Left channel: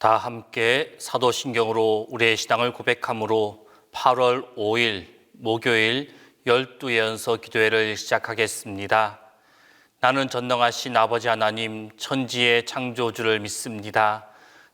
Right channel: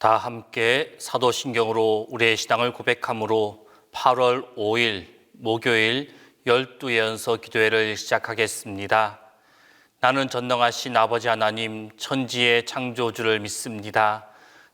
다 함께 사도신경으로 우리의 신앙을 고백함으로 8월 5일 목요일 12예언서 기도회를 시작하겠습니다. 나는 전능하신 아버지 하나님 천지의 창조주를 믿습니다.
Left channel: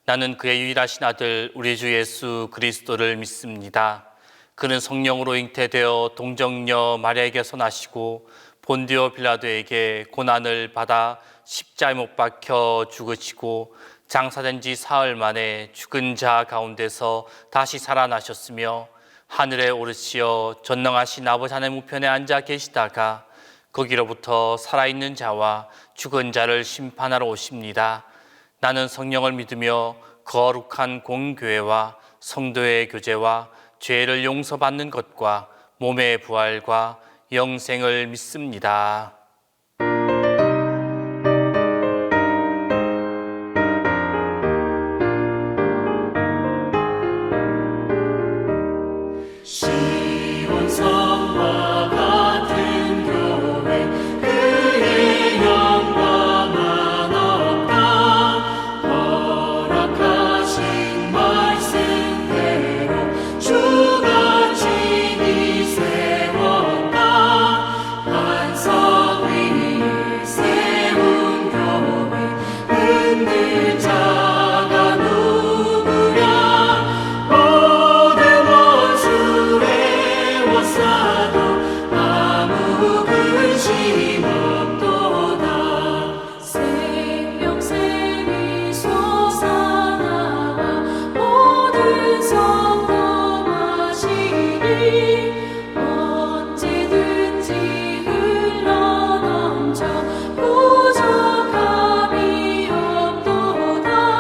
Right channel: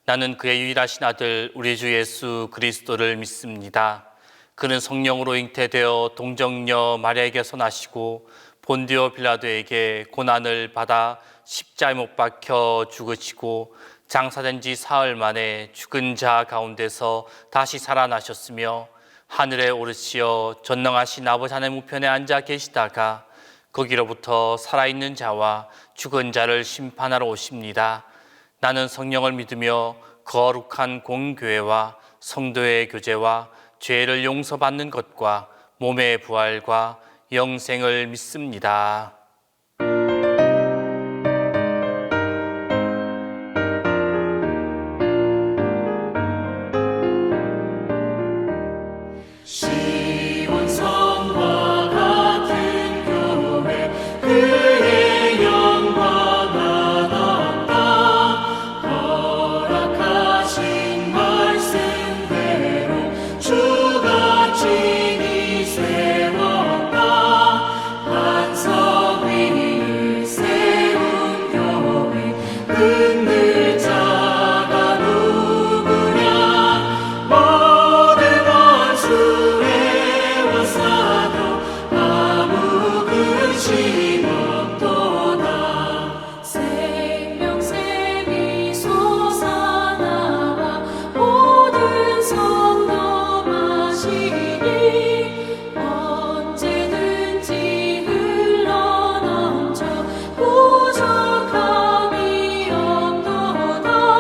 나는 그의 유일하신 아들 우리 주 예수 그리스도를 믿습니다. 그는 성령으로 잉태되어 동정녀 마리아에게서 나시고 본디오 빌라도에게 고난을 받아 십자가에 못 박혀 죽으시고 장사된 지 사흘 만에 죽은 자 가운데서 다시 살아나셨으며 하늘에 오르시어 전능하신 아버지 하나님 우편에 앉아 계시다가 거기로부터 살아있는 자와 죽은 자를 심판하러 오십니다. 나는 성령을 믿으며 거룩한 공교회와 성도의 교제와 죄를 용서받는 것과 몸의 부활과 영생을 믿습니다. 시온성과 같은 교회 그의 영광만 없다. 허락하신 말씀대로 주가 친히 세웠다. 한성 위를 세운 교회 흔들 자가 누구랴. 모든 원수의 원사도 아무 근심 없도다. 생명샘이 솟아나와 모든 성도 마시니 언제든지 흘러넘쳐 부족함이 없도다.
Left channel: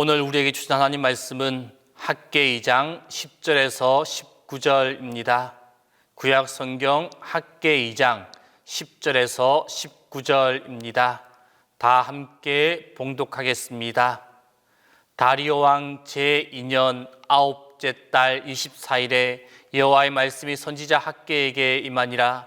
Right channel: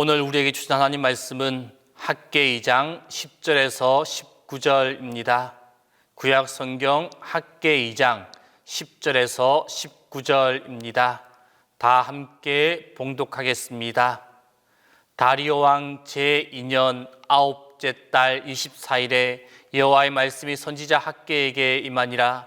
오늘 우리에게 주신 하나님 말씀은 학개 2장 10절에서 19절입니다. 구약 성경 학개 2장 10절에서 19절입니다. 다 함께 봉독하겠습니다. 다리오 왕 제2년 9째 달 24일에 여호와의 말씀이 선지자 학개에게 임하니라.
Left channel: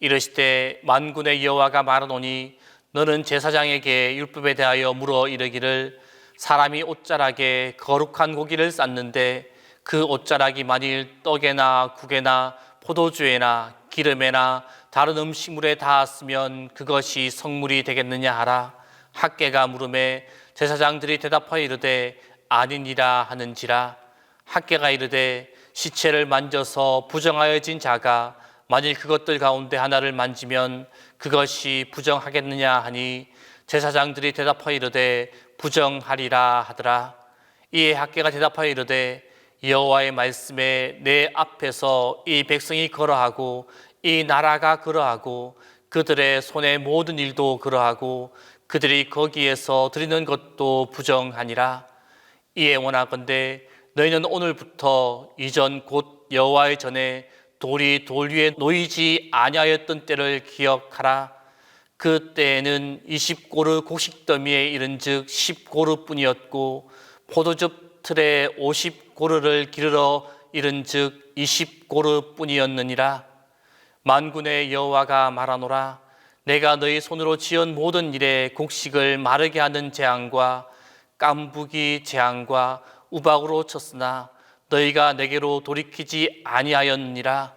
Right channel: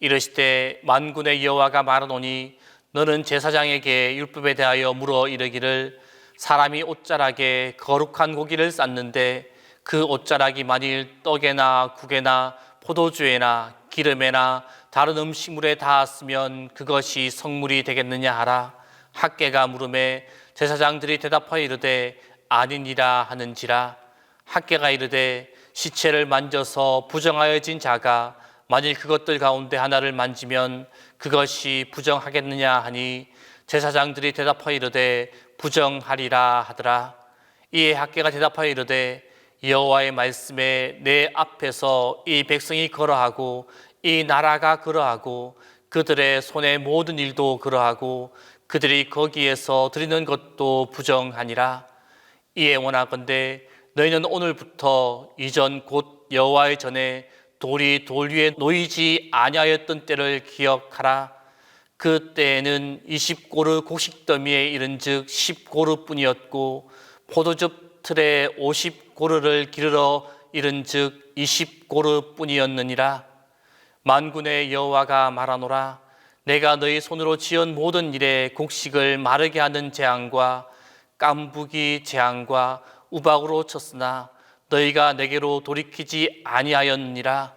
이르시되 만군의 여호와가 말하노니 너는 제사장에게 율법에 대하여 물어 이르기를 사람이 옷자락에 거룩한 고기를 쌓는데 그 옷자락이 만일 떡에나 국에나 포도주에나 기름에나 다른 음식물에 닿았으면 그것이 성물이 되겠느냐 하라. 학개가 물음에 제사장들이 대답하여 이르되 아니니라 하는지라. 학개가 이르되 시체를 만져서 부정하여진 자가 만일 그것들 가운데 하나를 만지면 그것이 부정하겠느냐 하니 제사장들이 대답하여 이르되 부정하리라 하더라. 이에 학개가 대답하여 이르되 여호와의 말씀에 내 앞에서 이 백성이 걸어하고 이 나라가 걸어하고 그들의 손의 모든 일도 그러하고 그들이 거기에서 드리는 것도 부정하니라. 이에 원하건대 너희는 오늘부터 이전 곧 여호와의 전에 돌이 돌 위에 놓이지 아니하였던 때를 기억하라. 그 때에는 20고르 곡식더미에 이른즉 10고르뿐이었고 포도즙 틀에 50고르를 기르러 이른즉 20고르뿐이었느니라. 만군의 여호와가 말하노라. 내가 너희 손으로 지은 모든 일에 곡식을 마르게 하는 재앙과 깐부기 재앙과 우박으로 쳤으나 너희가 내게로 돌이키지 아니하였느니라.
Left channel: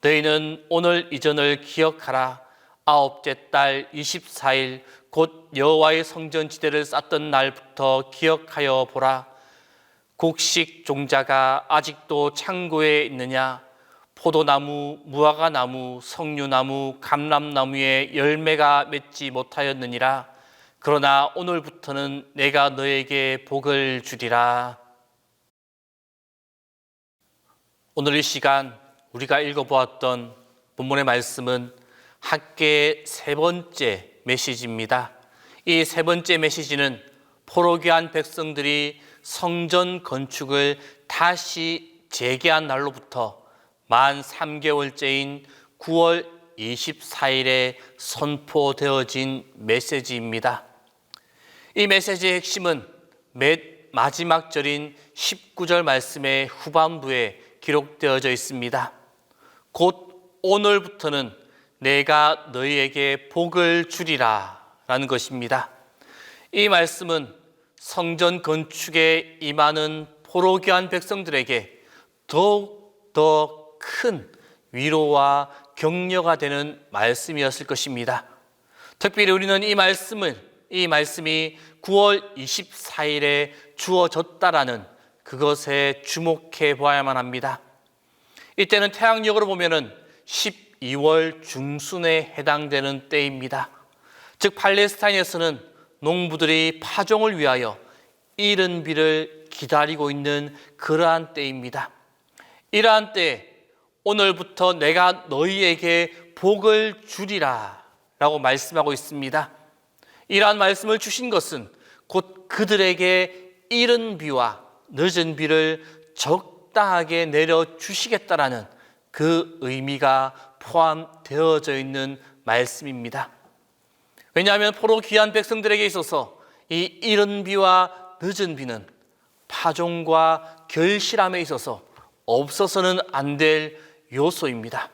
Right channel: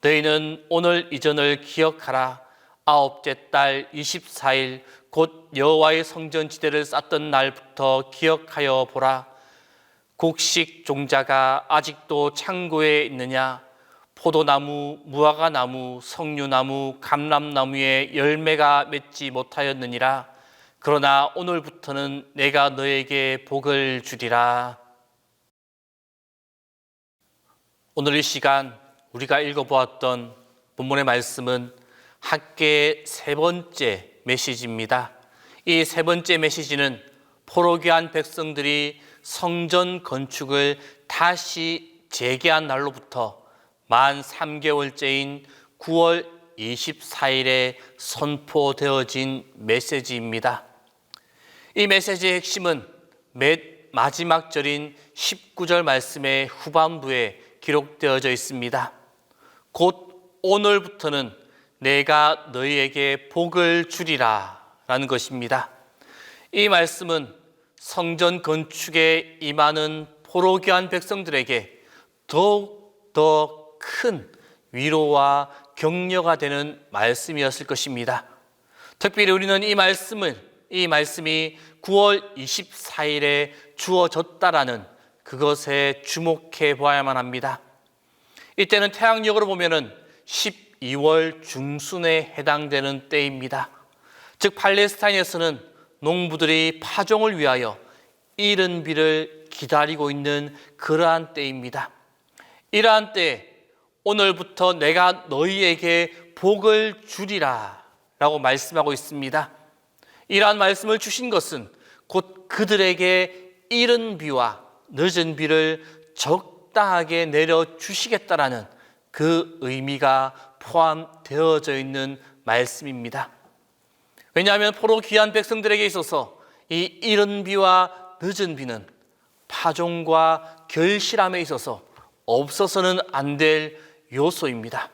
너희는 오늘 이전을 기억하라. 9째 달 24일 곧 여호와의 성전 지대를 쌓던 날부터 기억하여 보라. 곡식 종자가 아직도 창고에 있느냐? 포도나무, 무화과나무, 석류나무, 감람나무에 열매가 맺지 못하였느니라. 그러나 오늘부터는 내가 너에게 복을 주리라. 오늘 이 시간 우리가 읽어보았던 본문의 말씀은 학개의 세 번째 메시지입니다. 이 세 번째 메시지는 포로귀한 백성들이 성전 건축을 다시 재개한 날로부터 만 3개월째인 9월 24일에 선포되어진 메시지입니다. 이 메시지의 핵심은 맨 마지막 절인 19절 말씀의 후반부에 기록되어져 있습니다. 곧 오늘부터는 내가 너희에게 복을 주리라 라는 것입니다. 이 말씀은 성전 건축에 임하는 포로귀한 백성들에게 더욱 더 큰 위로와 격려가 되는 말씀이었을 것입니다. 특별히 우리는 이 말씀이 9월 24일에 주어졌다라는 그것에 주목해 보아야만 합니다. 이때는 태양력으로 보면은 12월 중순에 해당되는 때입니다. 즉 팔레스타인에서는 농부들이 파종을 위하여 이른 비를 기다리고 있는 그러한 때입니다. 이러한 때에 오늘부터 내가 너희에게 복을 주리라 라고 말씀하고 있습니다. 이러한 말씀을 주신 것은 곧 그들에게 이른 비와 늦은 비를 적당하게 내려주시겠다라는 그 의미가 포함되어져 있는 말씀입니다. 왜냐하면 포로 귀한 백성들에게 있어서 이 이른 비와 늦은 비는 파종과 결실함에 있어서 없어서는 안 될 요소입니다.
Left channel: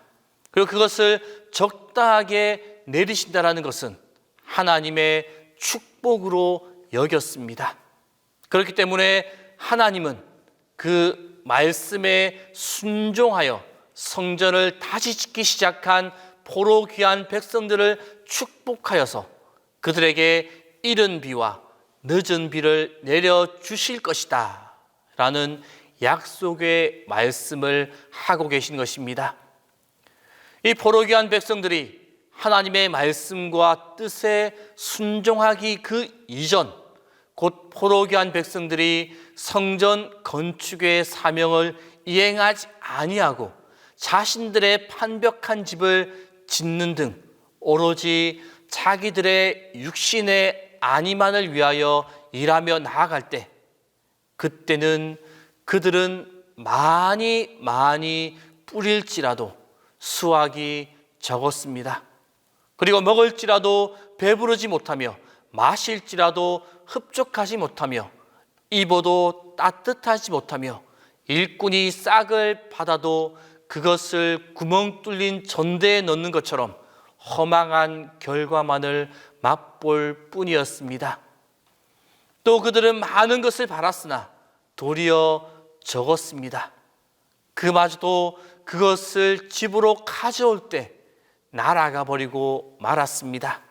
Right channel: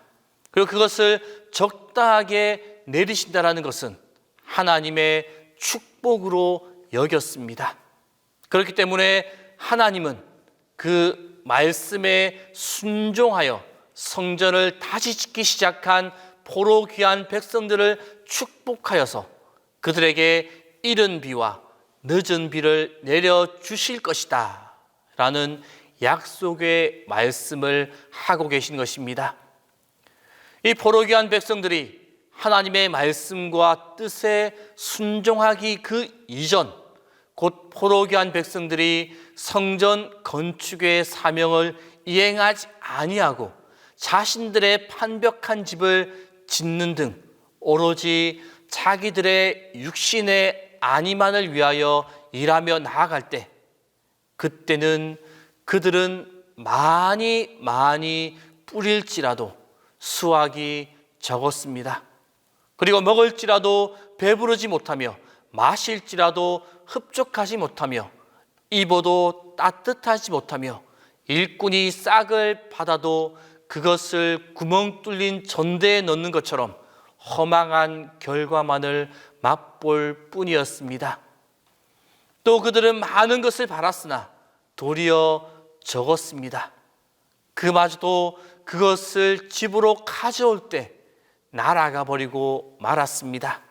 그리고 그것을 적당하게 내리신다는 것은 하나님의 축복으로 여겼습니다. 그렇기 때문에 하나님은 그 말씀에 순종하여 성전을 다시 짓기 시작한 포로 귀한 백성들을 축복하여서 그들에게 이른 비와 늦은 비를 내려주실 것이다 라는 약속의 말씀을 하고 계신 것입니다. 이 포로 귀한 백성들이 하나님의 말씀과 뜻에 순종하기 그 이전, 곧 포로 귀한 백성들이 성전 건축의 사명을 이행하지 아니하고 자신들의 판벽한 집을 짓는 등 오로지 자기들의 육신의 안위만을 위하여 일하며 나아갈 때 그때는 그들은 많이 뿌릴지라도 수확이 적었습니다. 그리고 먹을지라도 배부르지 못하며 마실지라도 흡족하지 못하며 입어도 따뜻하지 못하며 일꾼이 싹을 받아도 그것을 구멍 뚫린 전대에 넣는 것처럼 허망한 결과만을 맛볼 뿐이었습니다. 또 그들은 많은 것을 바랐으나 도리어 적었습니다. 그마저도 그것을 집으로 가져올 때 날아가 버리고 말았습니다.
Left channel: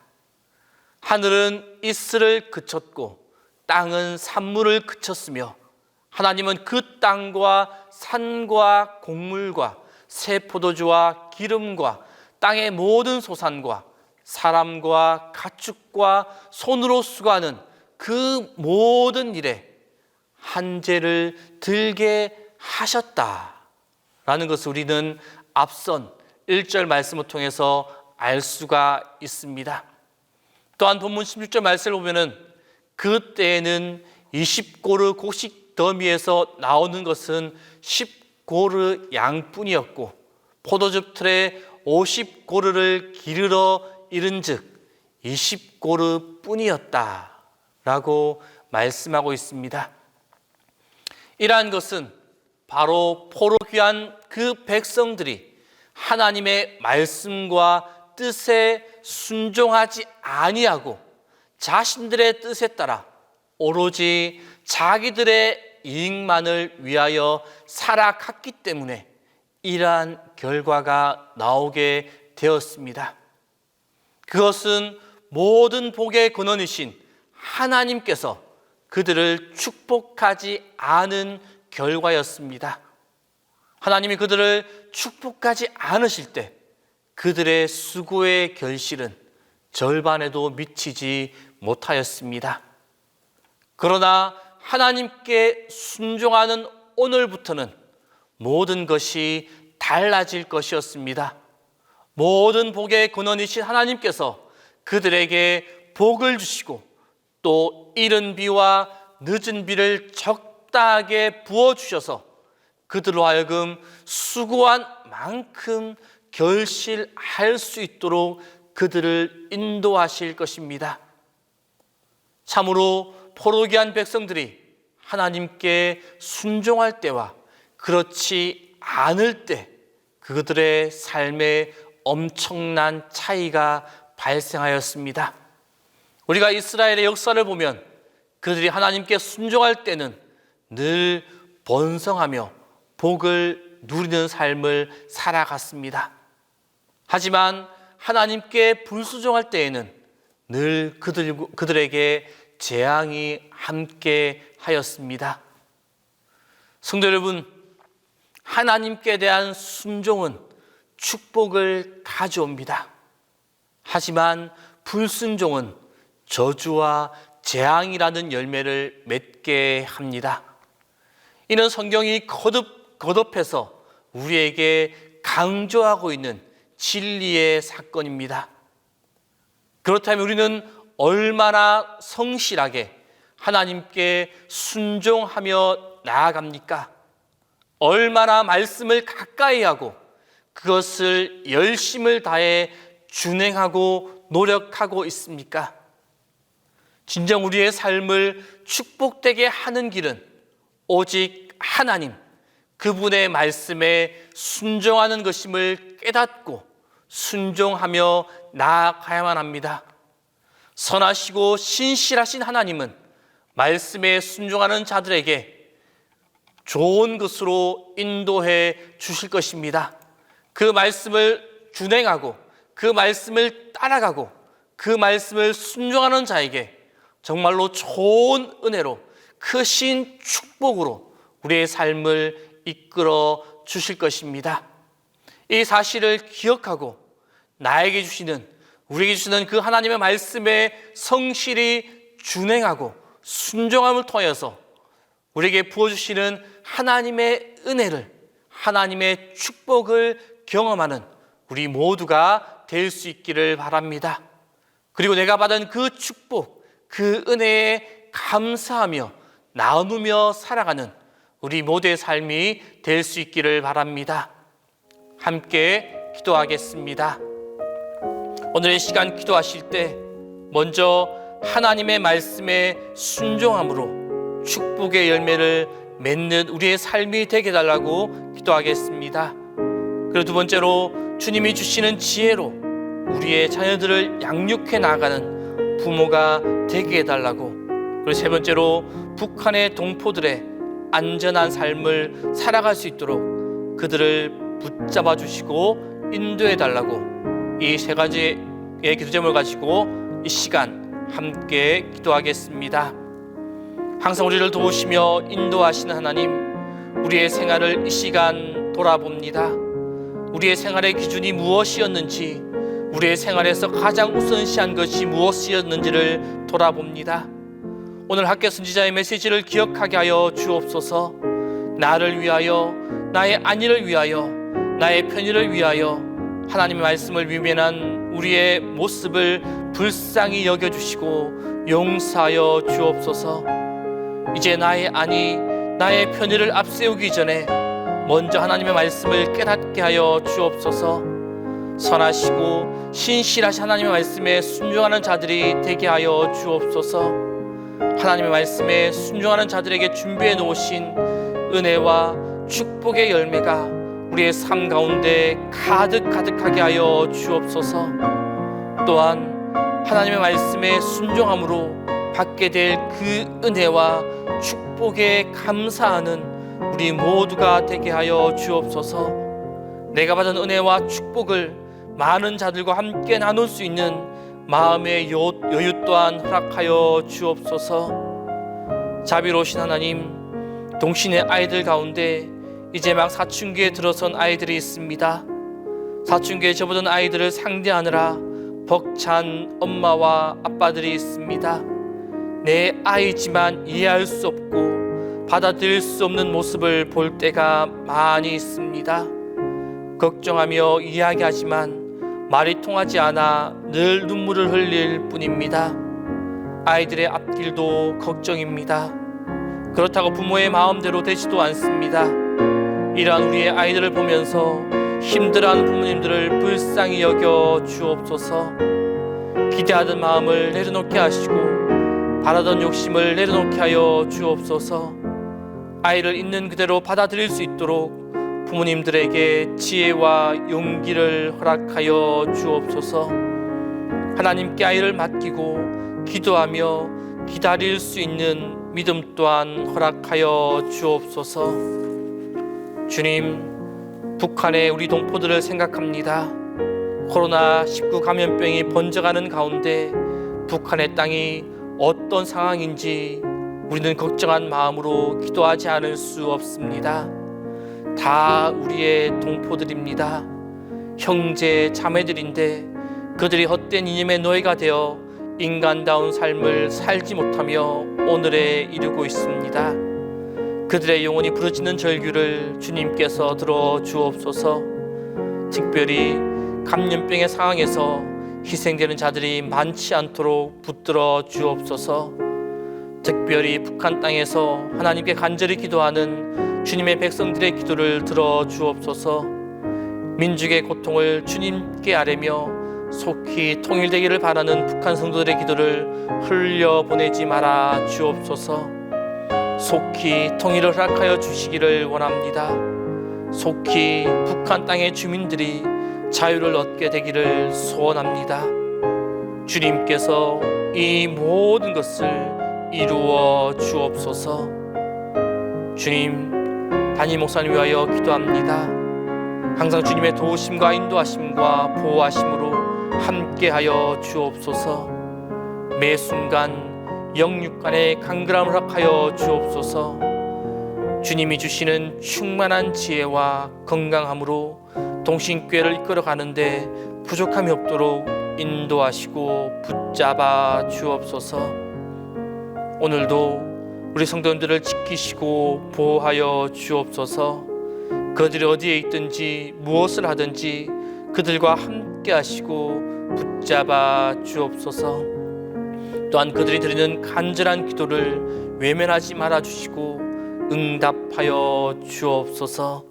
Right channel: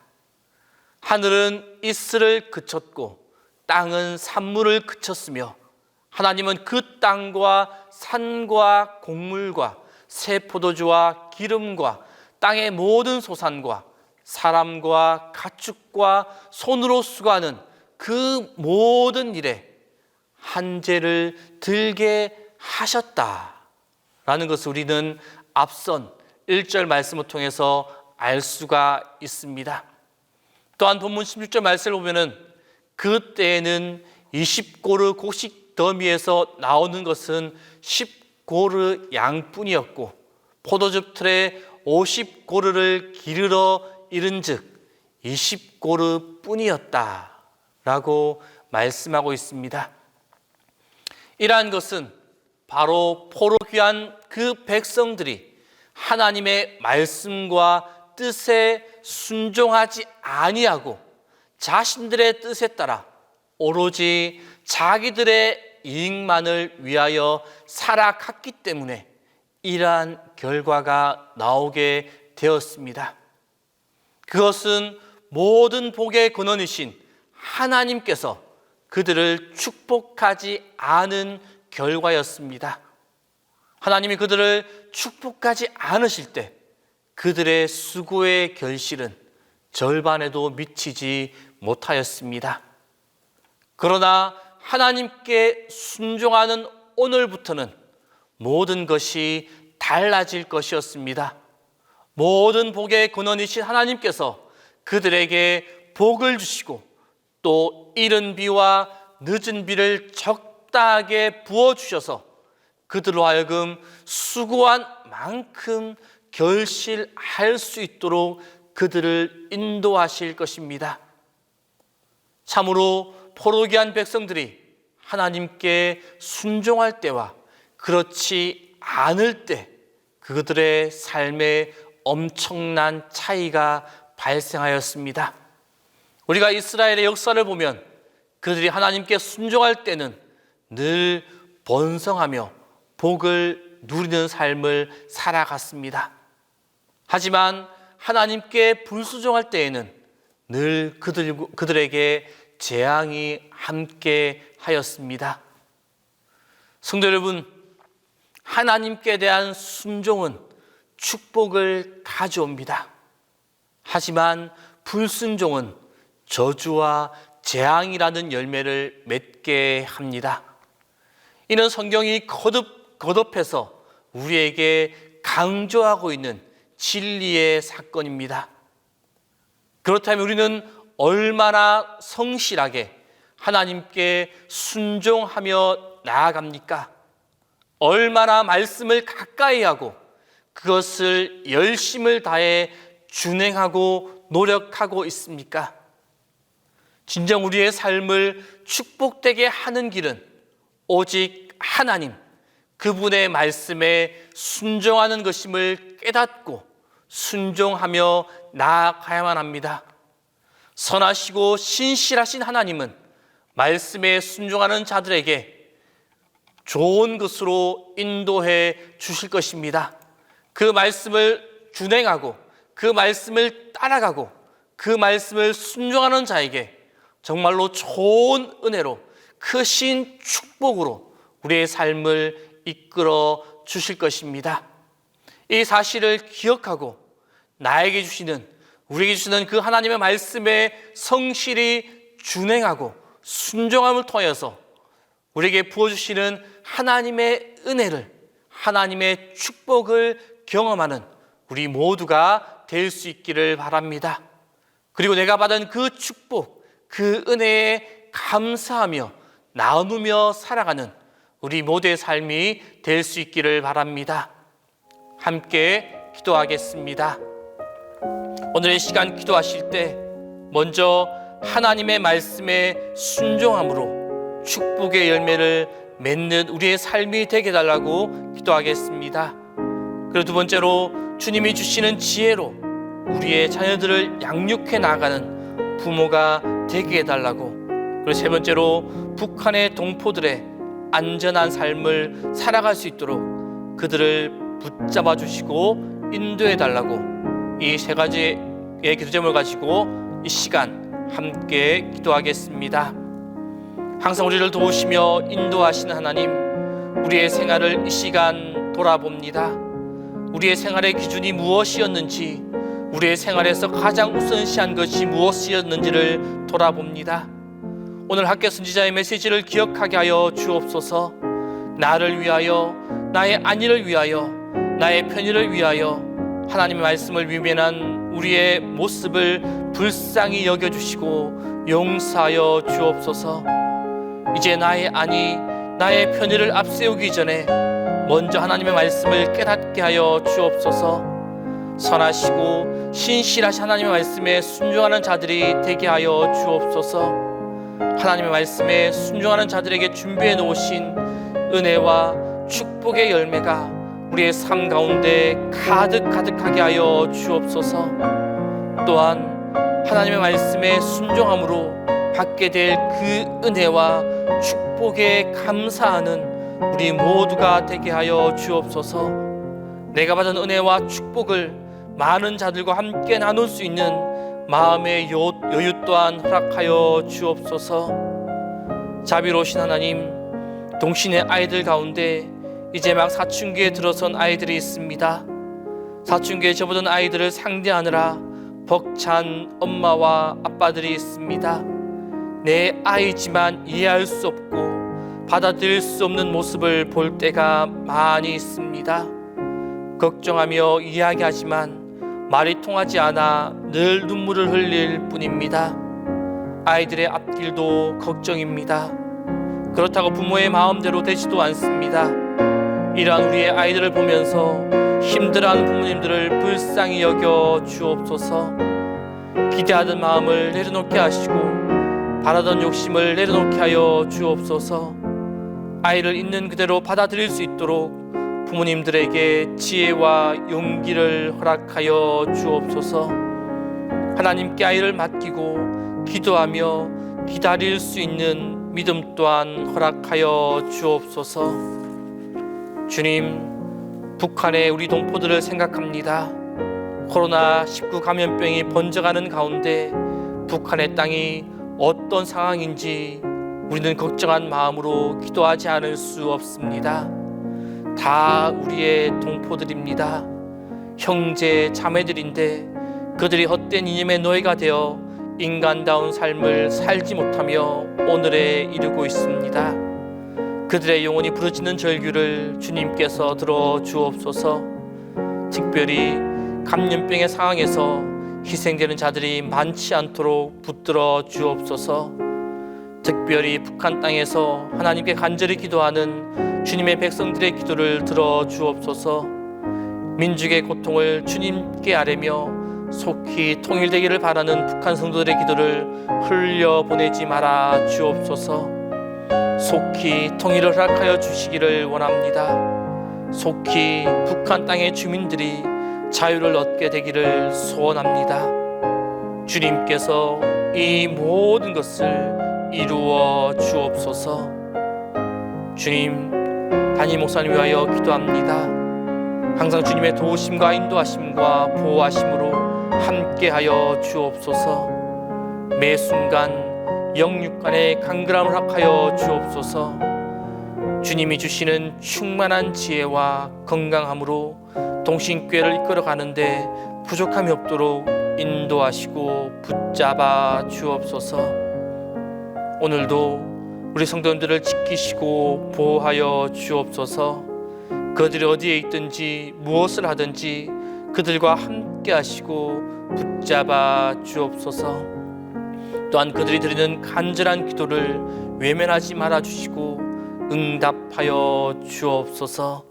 하늘은 이슬을 그쳤고 땅은 산물을 그쳤으며 하나님은 그 땅과 산과 곡물과 새 포도주와 기름과 땅의 모든 소산과 사람과 가축과 손으로 수고하는 그 모든 일에 한재를 들게 하셨다라는 것을 우리는 앞선 1절 말씀을 통해서 알 수가 있습니다. 또한 본문 16절 말씀을 보면은 그때에는 20고르 곡식 더미에서 나오는 것은 10고르 양뿐이었고 포도즙 틀에 50고르를 기르러 이른즉 20고르 뿐이었다라고 말씀하고 있습니다. 이러한 것은 바로 포로귀한 그 백성들이 하나님의 말씀과 뜻에 순종하지 아니하고 자신들의 뜻에 따라 오로지 자기들의 이익만을 위하여 살아갔기 때문에 이러한 결과가 나오게 되었습니다. 그것은 모든 복의 근원이신 하나님께서 그들을 축복하지 않은 결과였습니다. 하나님이 그들을 축복하지 않으실 때 그들의 수고의 결실은 절반에도 미치지 못하였습니다. 그러나 하나님께 순종하는 오늘부터는 모든 것이 달라질 것이었습니다. 모든 복의 근원이신 하나님께서 그들에게 복을 주시고 또 이른 비와 늦은 비를 적당하게 부어주셔서 그들로 하여금 수고한 만큼 결실할 수 있도록 그들을 인도하실 것입니다. 참으로 포로기한 백성들이 하나님께 순종할 때와 그렇지 않을 때 그들의 삶에 엄청난 차이가 발생하였습니다. 우리가 이스라엘의 역사를 보면 그들이 하나님께 순종할 때는 늘 번성하며 복을 누리는 삶을 살아갔습니다. 하지만 하나님께 불순종할 때에는 늘 그들에게 재앙이 함께 하였습니다. 성도 여러분, 하나님께 대한 순종은 축복을 가져옵니다. 하지만 불순종은 저주와 재앙이라는 열매를 맺게 합니다. 이는 성경이 거듭해서 우리에게 강조하고 있는 진리의 사건입니다. 그렇다면 우리는 얼마나 성실하게 하나님께 순종하며 나아갑니까? 얼마나 말씀을 가까이 하고 그것을 열심을 다해 준행하고 노력하고 있습니까? 진정 우리의 삶을 축복되게 하는 길은 오직 하나님, 그분의 말씀에 순종하는 것임을 깨닫고 순종하며 나아가야만 합니다. 선하시고 신실하신 하나님은 말씀에 순종하는 자들에게 좋은 것으로 인도해 주실 것입니다. 그 말씀을 준행하고 그 말씀을 따라가고 그 말씀을 순종하는 자에게 정말로 좋은 은혜로 크신 축복으로 우리의 삶을 이끌어 주실 것입니다. 이 사실을 기억하고 나에게 주시는, 우리에게 주시는 그 하나님의 말씀에 성실히 준행하고 순종함을 통해서 우리에게 부어주시는 하나님의 은혜를, 하나님의 축복을 경험하는 우리 모두가 될 수 있기를 바랍니다. 그리고 내가 받은 그 축복, 그 은혜에 감사하며 나누며 살아가는 우리 모두의 삶이 될 수 있기를 바랍니다. 함께 기도하겠습니다. 오늘의 시간 기도하실 때 먼저 하나님의 말씀에 순종함으로 축복의 열매를 맺는 우리의 삶이 되게 해달라고 기도하겠습니다. 그리고 두 번째로 주님이 주시는 지혜로 우리의 자녀들을 양육해 나가는 부모가 되게 해달라고, 그리고 세 번째로 북한의 동포들의 안전한 삶을 살아갈 수 있도록 그들을 붙잡아 주시고 인도해 달라고, 이 세 가지의 기도 제목을 가지고 이 시간 함께 기도하겠습니다. 항상 우리를 도우시며 인도하시는 하나님, 우리의 생활을 이 시간 돌아봅니다. 우리의 생활의 기준이 무엇이었는지, 우리의 생활에서 가장 우선시한 것이 무엇이었는지를 돌아봅니다. 오늘 학교 선지자의 메시지를 기억하게 하여 주옵소서. 나를 위하여, 나의 안위를 위하여, 나의 편의를 위하여 하나님의 말씀을 위면한 우리의 모습을 불쌍히 여겨주시고 용서하여 주옵소서. 이제 나의 안위, 나의 편의를 앞세우기 전에 먼저 하나님의 말씀을 깨닫게 하여 주옵소서. 선하시고 신실하신 하나님의 말씀에 순종하는 자들이 되게 하여 주옵소서. 하나님의 말씀에 순종하는 자들에게 준비해 놓으신 은혜와 축복의 열매가 우리의 삶 가운데 가득하게 하여 주옵소서. 또한 하나님의 말씀에 순종함으로 받게 될 그 은혜와 축복에 감사하는 우리 모두가 되게 하여 주옵소서. 내가 받은 은혜와 축복을 많은 자들과 함께 나눌 수 있는 마음의 여유 또한 허락하여 주옵소서. 자비로우신 하나님, 동신의 아이들 가운데 이제 막 사춘기에 들어선 아이들이 있습니다. 사춘기에 접어든 아이들을 상대하느라 벅찬 엄마와 아빠들이 있습니다. 내 아이지만 이해할 수 없고 받아들일 수 없는 모습을 볼 때가 많이 있습니다. 걱정하며 이야기하지만 말이 통하지 않아 늘 눈물을 흘릴 뿐입니다. 아이들의 앞길도 걱정입니다. 그렇다고 부모의 마음대로 되지도 않습니다. 이러한 우리의 아이들을 보면서 힘들어하는 부모님들을 불쌍히 여겨 주옵소서. 기대하던 마음을 내려놓게 하시고 바라던 욕심을 내려놓게 하여 주옵소서. 아이를 있는 그대로 받아들일 수 있도록 부모님들에게 지혜와 용기를 허락하여 주옵소서. 하나님께 아이를 맡기고 기도하며 기다릴 수 있는 믿음 또한 허락하여 주옵소서. 주님, 북한의 우리 동포들을 생각합니다. 코로나19 감염병이 번져가는 가운데 북한의 땅이 어떤 상황인지 우리는 걱정한 마음으로 기도하지 않을 수 없습니다. 다 우리의 동포들입니다. 형제 자매들인데 그들이 헛된 이념의 노예가 되어 인간다운 삶을 살지 못하며 오늘에 이르고 있습니다. 그들의 영혼이 부러지는 절규를 주님께서 들어 주옵소서. 특별히 감염병의 상황에서 희생되는 자들이 많지 않도록 붙들어 주옵소서. 특별히 북한 땅에서 하나님께 간절히 기도하는 주님의 백성들의 기도를 들어 주옵소서. 민족의 고통을 주님께 아뢰며 속히 통일되기를 바라는 북한 성도들의 기도를 흘려보내지 말아 주옵소서. 속히 통일을 허락하여 주시기를 원합니다. 속히 북한 땅의 주민들이 자유를 얻게 되기를 소원합니다. 주님께서 이 모든 것을 이루어 주옵소서. 주님, 담임 목사님 위하여 기도합니다. 항상 주님의 도우심과 인도하심과 보호하심으로 함께하여 주옵소서. 매 순간 영육간의 강건함을 허락하여 주옵소서. 주님이 주시는 충만한 지혜와 건강함으로 동신교회를 이끌어 가는데 부족함이 없도록 인도하시고 붙잡아 주옵소서. 오늘도 우리 성도님들을 지키시고 보호하여 주옵소서. 그들이 어디에 있든지 무엇을 하든지 그들과 함께 하시고 붙잡아 주옵소서. 또한 그들이 드리는 간절한 기도를 외면하지 말아 주시고 응답하여 주옵소서.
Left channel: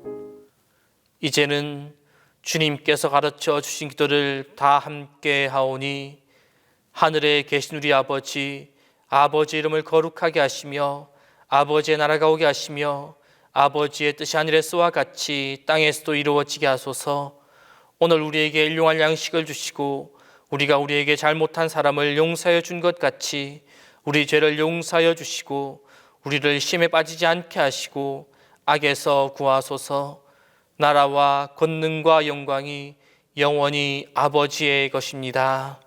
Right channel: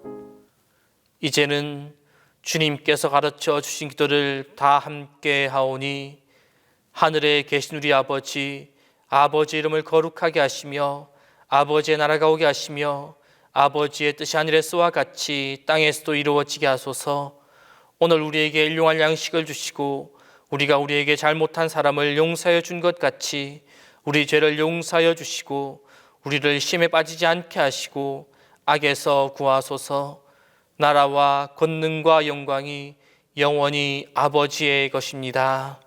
이제는 주님께서 가르쳐 주신 기도를 다 함께 하오니 하늘에 계신 우리 아버지, 아버지의 이름을 거룩하게 하시며 아버지의 나라가 오게 하시며 아버지의 뜻이 하늘에서와 같이 땅에서도 이루어지게 하소서. 오늘 우리에게 일용할 양식을 주시고 우리가 우리에게 잘못한 사람을 용서하여 준 것 같이 우리 죄를 용서하여 주시고 우리를 시험에 빠지지 않게 하시고 악에서 구하소서. 나라와 권능과 영광이 영원히 아버지의 것입니다.